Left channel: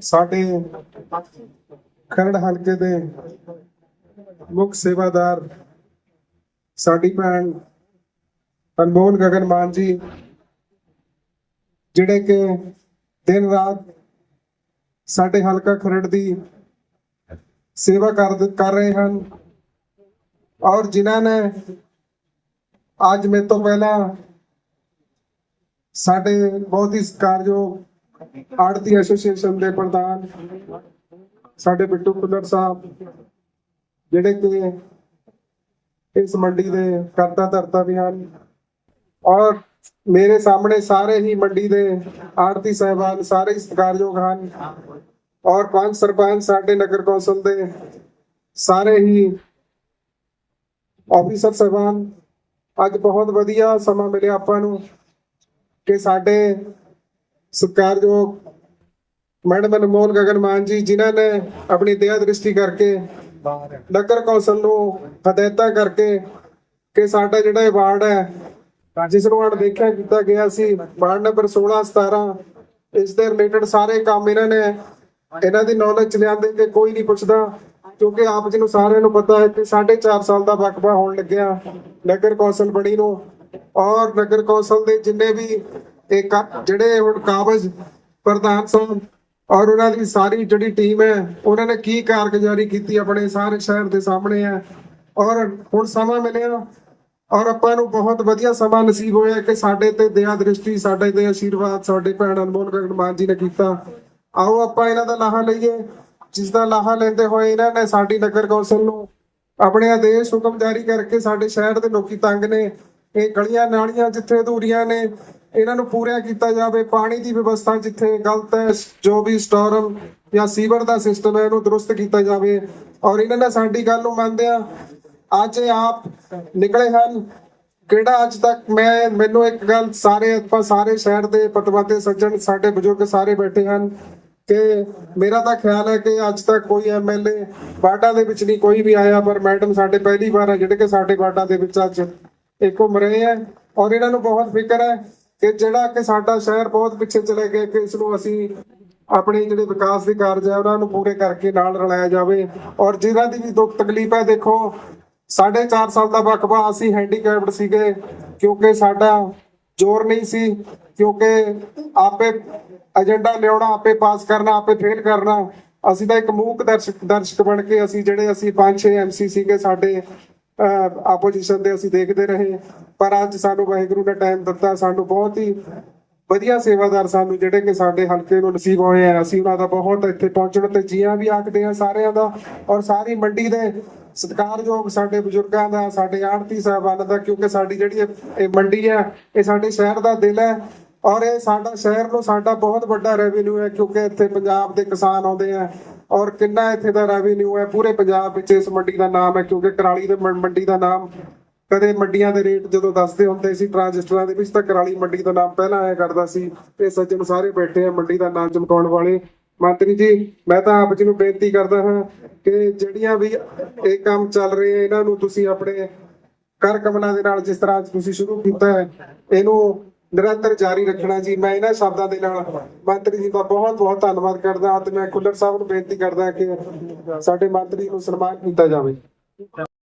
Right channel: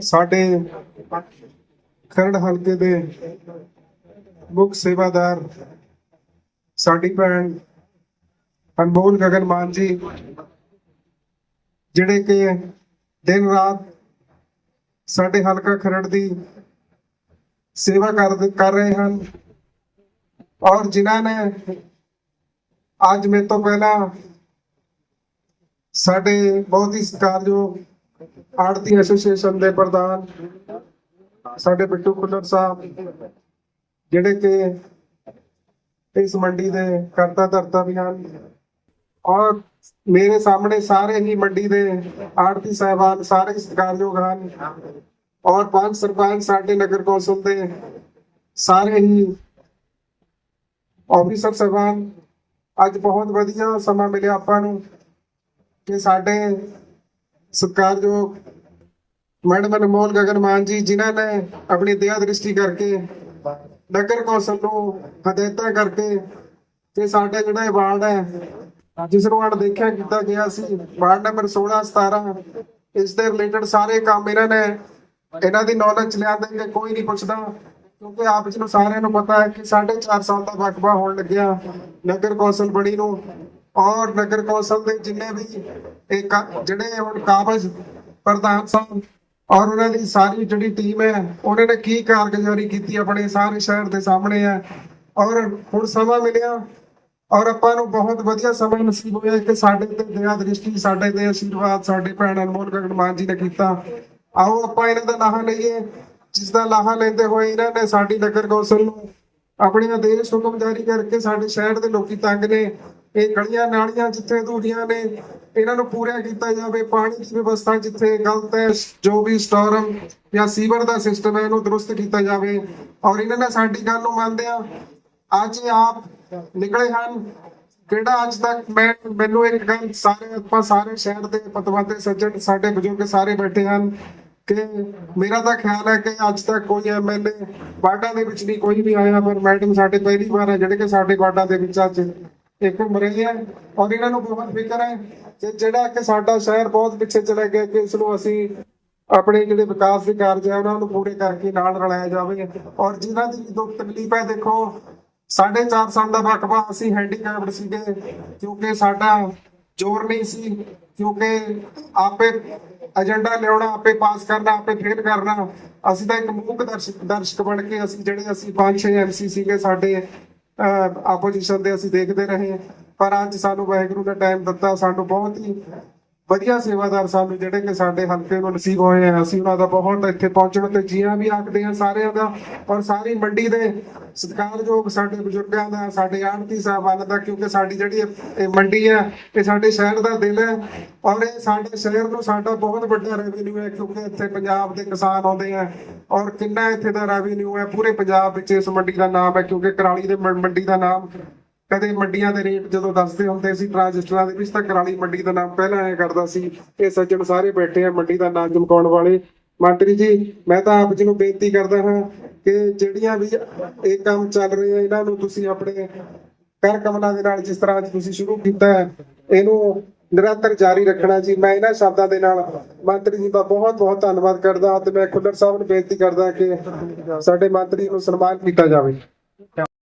ਸਾਡੇ ਖਰੜ ਹਲਕੇ ਦੇ ਮੁੱਖ ਸੇਵਾਦਾਰ, ਸਾਡੀ ਭੈਣ ਅਨਮੋਲ ਗਗਨ ਮਾਨ ਜੀ, ਜਿਹੜੇ ਕਿ ਦਿਨ ਰਾਤ ਸਾਡੇ ਹਲਕਾ ਖਰੜ ਦੀ ਸੇਵਾ ਕਰ ਰਹੇ ਹਨ ਔਰ ਜਿਨ੍ਹਾਂ ਨੇ ਅੱਜ ਮੇਰੇ ਤੋਂ ਪਹਿਲਾਂ ਸਾਡੇ ਬਹੁਤ ਹੀ ਸਤਿਕਾਰਯੋਗ ਆੜਤੀ ਐਸੋਸੀਏਸ਼ਨ ਦੇ ਪ੍ਰਧਾਨ ਸਾਡੇ ਬਿੱਟੂ ਖੁੱਲਰ ਸਾਹਿਬ, ਜਿਹੜੇ ਕਿ ਇਸ ਮੰਡੀ ਦੇ ਕਰਤਾ ਧਰਤਾ ਵੀ ਹਨ। ਔਰ ਮੇਰੇ ਸਾਹਮਣੇ ਸਾਰੇ ਹੀ ਮੰਡੀ ਦੇ ਆੜਤੀ ਸਾਹਿਬਾਨ ਸਾਰੇ ਸਤਿਕਾਰਯੋਗ ਹਨ। ਔਰ ਪੰਜ ਸਰਪੰਚ ਸਾਡੇ ਨਗਰ ਕੌਂਸਲ ਦੇ ਸਾਰੇ ਹੀ ਆਫੀਸਰ ਸਾਹਿਬਾਨ, ਅੱਜ ਬਹੁਤ ਵਧੀਆ ਸਮਾਂ ਮਿਲਿਆ ਆਪਾਂ ਨੂੰ ਕਿ ਸਾਡੇ ਸਤਿਕਾਰਯੋਗ ਮੈਡਮ ਅਨਮੋਲ ਗਗਨ ਮਾਨ ਜੀ, ਜਿਨ੍ਹਾਂ ਨੇ ਆਪਣੀ ਦਇਆ ਦ੍ਰਿਸ਼ਟੀ ਕਰਕੇ ਨਗਰ ਕੌਂਸਲ ਨੂੰ ਹਦਾਇਤਾਂ ਕਰਕੇ ਕਿ ਸਾਡਾ ਜਿਹੜਾ ਇਹ ਵਾਰਡ ਹੈ, ਜਿਸ ਨੂੰ ਹਣ ਦੇਖਿਆ ਕੀਤਾ ਗਿਆ ਸੀ, ਵਾਰਡ ਨੰਬਰ 16 17 ਇਸ ਦੇ ਰਿਲੇਟਡ ਸਾਰੇ ਕੰਮ ਇਹਨਾਂ ਨੇ ਇਹਨਾਂ ਦੀ ਨੌਲੇਜ ਚ ਲਿਆਂਦੇ ਕਿ ਕੋਈ ਨਹੀਂ ਪੁੱਛਦਾ, ਕਿਉਂਕਿ ਆਪ ਜੀ ਨੂੰ ਸਾਰਿਆਂ ਨੂੰ ਪਤਾ ਹੈ ਕਿ 4.5 ਸਾਲ ਦਾ ਵਕਫਾ ਹੋਣ ਲੱਗਿਆ ਨਗਰ ਕੌਂਸਲ ਬਣੀ ਨੂੰ। ਔਰ ਨਗਰ ਕੌਂਸਲ ਦੇ ਜਿੰਨੇ ਵੀ ਇਹ ਕਾ- ਜਿਹੜੇ ਹੁਣ ਕਾਬਜ ਪ੍ਰਧਾਨ ਸਾਹਿਬ ਔਰ ਉਹਨਾਂ ਦੀ ਸਾਰੀ ਜਿਹੜੀ ਟੀਮ ਹੈ, ਉਹਨਾਂ ਨੇ ਕੀ ਕਾਰਗੁਜ਼ਾਰੀ ਕੀਤੀ ਆਪਣੇ ਸਾਰੇ ਸ਼ਹਿਰ ਦੇ ਸਾਹਮਣੇ ਹੈ। ਔਰ ਹੁਣ ਸਮਾਂ ਮਿਲਿਆ ਔਰ ਆਪਾਂ ਨੂੰ ਬਹੁਤ ਵਧੀਆ ਸਮਾਂ ਨਸੀਬ ਹੋਇਆ ਕਿ ਸਾਡੇ ਤੇ ਦਇਆ ਦ੍ਰਿਸ਼ਟੀ, ਸਾਡੇ ਤੇ ਆਸ਼ੀਰਵਾਦ ਸਾਡੇ ਭੈਣ ਅਨਮੋਲ ਗਗਨ ਮਾਨ ਜੀ ਨੇ ਕੀਤਾ। ਆਓ ਆਪਾਂ ਇਹਨਾਂ ਦਾ ਲਾਹਾ ਲਈਏ। ਜਿਸ ਦਾ ਲਾਹਾ ਲੈਂਦੇ ਹੋਏ ਇਹਨਾਂ ਨੇ ਸਾਡੀ ਨਗਰ ਕੌਂਸਲ ਨੂੰ ਆਪਣੇ ਆਦੇਸ਼ ਹੁਕਮ ਜਾਰੀ ਕਰਕੇ ਸਾਡੇ ਸ਼ਹਿਰ ਦੇ ਲੋਕੀ ਤੰਗ ਨੇ। ਇਹ ਗਲੀਆਂ ਨਾਲੀਆਂ ਜਿੱਥੇ ਅਧੂਰੀਆਂ ਨੇ ਇਹਨਾਂ ਨੂੰ ਪੂਰਾ ਕੀਤਾ ਜਾਵੇ। ਪਾਣੀ ਦੀ ਵਿਵਸਥਾ ਜਿੱਥੇ ਗਲਤ ਹੈ, ਜੋ ਵੀ ਸਟੋਰਮ ਜਾਂ ਸੀਵਰ ਦਾ ਸਿਸਟਮ ਹੈ, ਇਹਨੂੰ ਦਰੁਸਤ ਕੀਤਾ ਜਾਵੇ। ਔਰ ਇਹਨਾਂ ਨੇ ਸਾਡੀ ਗੱਲ ਨੂੰ ਮੰਨਦੇ ਆ ਅੱਜ ਆਪ ਨਿਕਲੇ ਹਨ। ਕਿਹੜਾ ਅੱਜ ਤੱਕ ਮੈਂ, ਮੈਨੂੰ ਇੱਕ ਗੱਲ ਸਾਰੇ, ਆਪਾਂ ਸਾਰੇ ਸ਼ਹਿਰ ਦੇ ਪਤਵੰਤੇ ਸੱਜਣ, ਸਾਡੇ ਬਜ਼ੁਰਗ ਸਾਰੇ ਬੈਠੇ ਹਨ ਕਿ ਮੇਰਾ ਤਾਂ ਖਿਆਲ ਹੈ ਕਿ ਅੱਜ ਤੱਕ ਕੋਈ ਐਮਐਲਏ ਵਾਰਡਾਂ ਦੇ ਵਿੱਚ ਨਹੀਂ, ਕੋਈ ਵੀ ਆਇਆ, ਪਰ ਮੈਡਮ ਸਾਡੇ ਪਹਿਲੀ ਵਾਰ ਹੈ, ਜਿਹੜੇ ਕਿ ਸਾਡੇ ਵਾਰਡਾਂ ਦੇ ਵਿੱਚ ਅੱਜ ਇੱਕ ਘੁੰਮ ਰਹੇ ਹੈ। ਔਰ ਇਹਨਾਂ ਨੂੰ ਬਹੁਤ ਫਿਕਰ ਹੈ ਕਿ ਜਿਹੜਾ ਕਿ ਸਾਡਾ ਸ਼ਹਿਰ ਬਹੁਤ ਪਿੱਛੇ ਚਲੇ ਗਿਆ ਕਿ ਇਸ ਨੂੰ ਅਸੀਂ ਆਪਣੇ ਜਿਹੜੇ ਵਿਕਾਸ ਦੇ ਕਾਰਜ ਹੈ, ਉਹਨਾਂ ਨੂੰ ਪੂਰੇ ਕਰਕੇ ਨਾਲ ਰਲਾਇਆ ਜਾਵੇ। ਔਰ ਜਿਨ੍ਹਾਂ ਦੀ ਵੀ ਦੁੱਖ ਤਕਲੀਫ ਹੈ, ਦੇਖੋ, ਸਾਢੇ ਚਾਰ ਸਾਲ ਦਾ ਵਕਬਾ ਅਸੀਂ ਹੈਂਡੀਕੈਪਡ ਸੀਗੇ, ਕਿਉਂਕਿ ਸਾਡਾ ਜ਼ੋਰ ਨਹੀਂ ਸੀ, ਕਿਉਂਕਿ ਆਪੇ ਏਜੰਡਾ ਲਿਆਉਣਾ, ਆਪੇ ਪਾਸ ਕਰਨਾ, ਆਪੇ ਫੇਲ ਕਰਨਾ। ਅਸੀਂ ਤਾਂ ਇੱਕ ਮੂਕ ਦਰਸ਼ਕ ਦਰਸ਼ਕ ਬਣ ਕੇ ਅਸੀਂ ਜਿਹੜੇ ਅਸੀਂ ਪੰਜ ਛੇ ਐਮਸੀ ਸੀਗੇ, ਸਾਡੇ ਆਪੋਜੀਸ਼ਨ ਦੇ ਅਸੀਂ ਦੇਖਦੇ ਰਹੇ। ਪਰ ਅੱਜ ਸਾਨੂੰ ਵਾਹਿਗੁਰੂ ਨੇ ਟਾਈਮ ਦਿੱਤਾ, ਸਾਨੂੰ ਬਹੁਤ ਹੀ ਵਧੀਆ ਸੇਵਾਦਾਰ ਸਾਨੂੰ ਜਿਹੜੇ ਕਿ ਸਾਡੇ ਹਲਕੇ ਨੂੰ ਨਸੀਬ ਹੋਏ ਆ। ਅਸੀਂ ਉਹਨਾਂ ਦਾ ਬਹੁਤ ਇੱਥੇ ਪਹੁੰਚਣ ਤੇ ਜੀਆਂ ਵੀ ਆਖਦੇ ਆ ਸਾਰਿਆਂ ਦਾ ਔਰ ਸਾਰੀ ਮੰਡੀ ਦੇ ਸਤਿਕਾਰਯੋਗ ਸਾਡੇ ਬਜ਼ੁਰਗਾਂ ਦਾ, ਸਾਡੇ ਆੜਤੀ ਸਾਹਿਬਾਨ ਦਾ, ਕਿਉਂਕਿ ਸਾਡੀ ਜਿਹੜੀ ਇਹ ਮੰਡੀ ਹੈ ਇਹ ਸਾਡੇ ਸ਼ਹਿਰ ਦਾ ਦਿਲ ਹੈ ਔਰ ਇਹ ਸਾਡਾ ਸ਼ਹਿਰ ਨੂੰ ਸਾਡਾ ਬਹੁਤ ਵੱਡਾ ਰੈਵਨਿਊ ਹੈ, ਕਿਉਂਕਿ ਇੱਥੇ ਪੰਜਾਬ ਦੇ ਕਿਸਾਨ ਆਉਂਦੇ ਆ ਔਰ ਕਿੰਨਾ ਇੱਥੇ ਦਾ ਰੈਵਨਿਊ ਹੈ, ਪੂਰੇ ਪੰਜਾਬ ਵਿੱਚ ਇਸ ਮੰਡੀ ਦਾ ਨਾਮ ਹੈ, ਕਿਉਂਕਿ ਕਰਾਲੀ ਦੇ ਮੰਡੀ ਦਾ ਨਾਮ ਕਦੇ ਮੰਡੀਆਂ ਦੇ ਰੇਟ ਜਦੋਂ ਦੱਸਦੇ ਹੁੰਦੇ ਸੀ, ਟ੍ਰਾਂਜਿਸਟਰਾਂ ਦੇ ਵਿੱਚ ਤਾਂ ਕਰਾਲੀ ਮੰਡੀ ਦਾ ਨਾਮ ਪਹਿਲਾਂ ਆਇਆ ਕਰਦਾ ਸੀ, ਇਹ ਸੱਜਣ ਸਾਰੇ ਬੈਠੇ ਆ ਮੰਡੀ ਦਾ ਨਾਮ ਚਮਕਾਉਣ ਵਾਲੇ। ਮੰਤਰੀ ਜੀ, ਮੈਂ ਤਾਂ ਆਪ ਜੀ ਨੂੰ ਬੇਨਤੀ ਕਰਦਾ ਹਾਂ ਕਿ ਜਿਹੜੀਆਂ ਵੀ ਇਹ ਕੰਮ ਚੱਲ ਰਹੇ ਆ, ਇਹਨਾਂ ਨੂੰ ਤੁਸੀਂ ਆਪਣੇ ਕਰ ਕਮਲਾਂ ਦੇ ਨਾਲ ਜਿਸ ਤਰ੍ਹਾਂ ਅੱਜ ਤੁਸੀਂ ਸ਼ੁਰੂ ਕੀਤਾ ਹੈ, ਇਹਨੂੰ ਨਿਰੰਤਰ ਜਾਰੀ ਰੱਖਣਾ ਜੀ। ਮੈਂ ਇਹਨਾਂ ਸ਼ਬਦਾਂ ਦੇ ਨਾਲ ਮੰਤਰੀ ਜੀ ਦਾ ਬਹੁਤ ਬਹੁਤ ਧੰਨਵਾਦ ਕਰਦਾ ਹਾਂ ਤੇ ਮੈਂ ਖੁੱਲਰ ਸਾਹਿਬ ਨੂੰ ਬੇਨਤੀ ਕਰਦਾ ਕਿ ਸਾਡੇ ਮੰਤਰੀ ਨੂੰ ਸਨਮਾਨ ਕੀਤਾ ਜਾਵੇ।